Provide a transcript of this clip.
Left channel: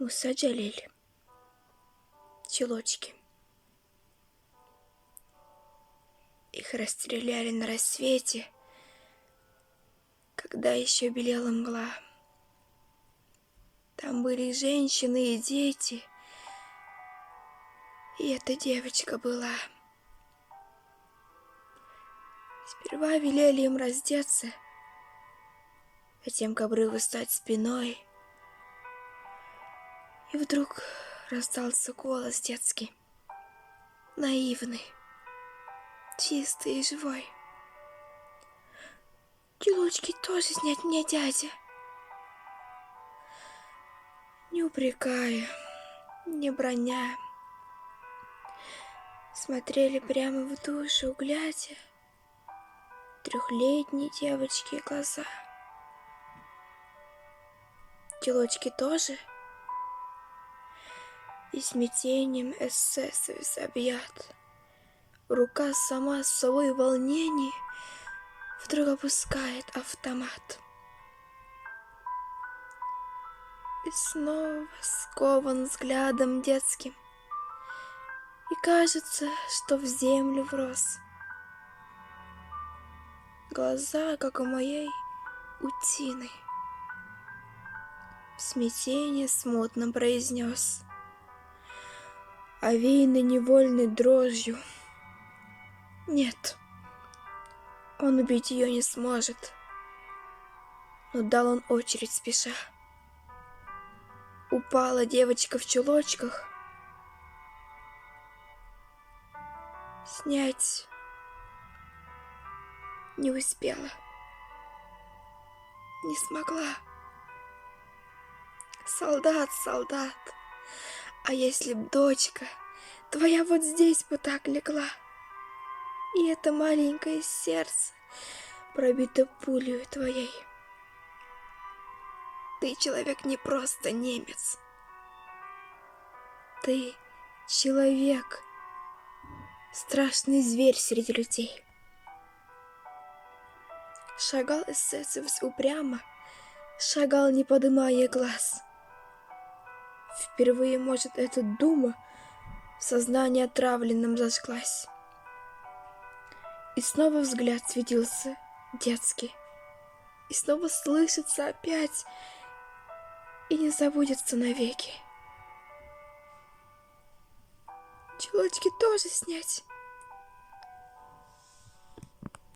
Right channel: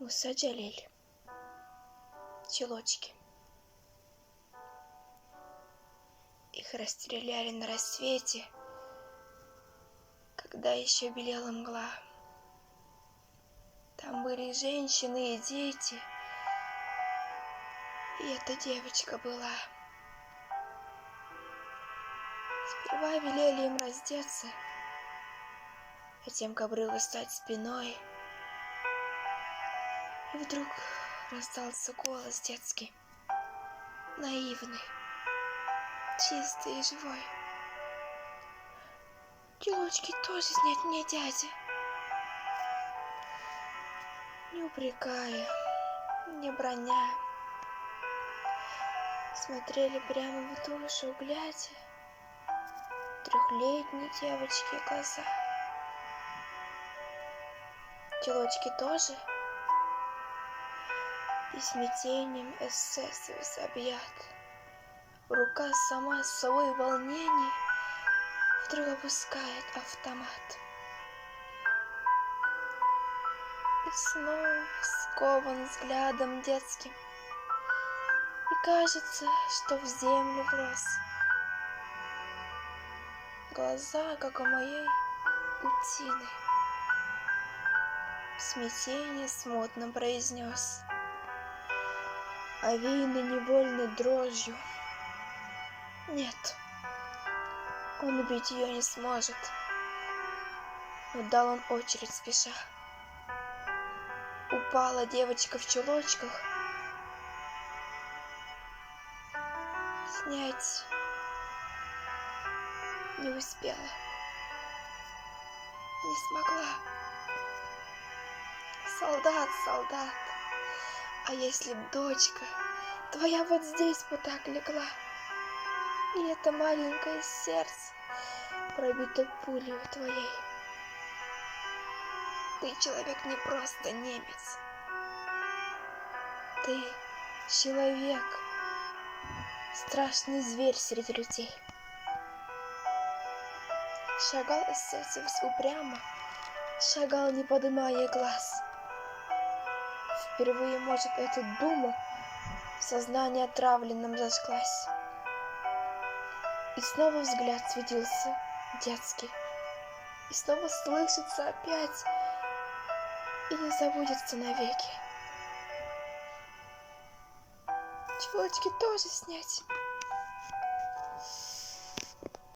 Муса Джалиль. Чулочки. Их расстреляли на рассвете, когда еще белела мгла. Там были и женщины, и дети, и эта девочка была. Сперва велели им раздеться, затем к обрыву стать спиной. И вдруг раздался голос детский, наивный, чистый и живой. Чулочки тоже снять мне, дядя. Не упрекая, не броня, смотрели прямо в душу, глядя трехлетней девочки глаза. Чулочки тоже и смятением эсэсовец объят. Рука сама с собой в волнении вдруг опускает автомат. И снова скован взглядом детским, и кажется, что в землю врос. Глаза, как у моей утины. В смятении смутно произнес, овеянный невольной дрожью: нет, он убить ее не сможет. Но дал он очередь спеша. Упала девочка в чулочках. Снять не успела, не смогла. Солдат, солдат, а если б дочка твоя вот здесь бы так легла, и это маленькое сердце пробито пулею твоей. Ты человек, не просто немец. Ты человек, страшный зверь среди людей. Шагал эсэсовец упрямо, шагал, не подымая глаз. Впервые, может, эта дума в сознании отравленном зажглась. И снова взгляд светился детский, и снова слышится опять, и не забудется навеки. Чулочки тоже снять.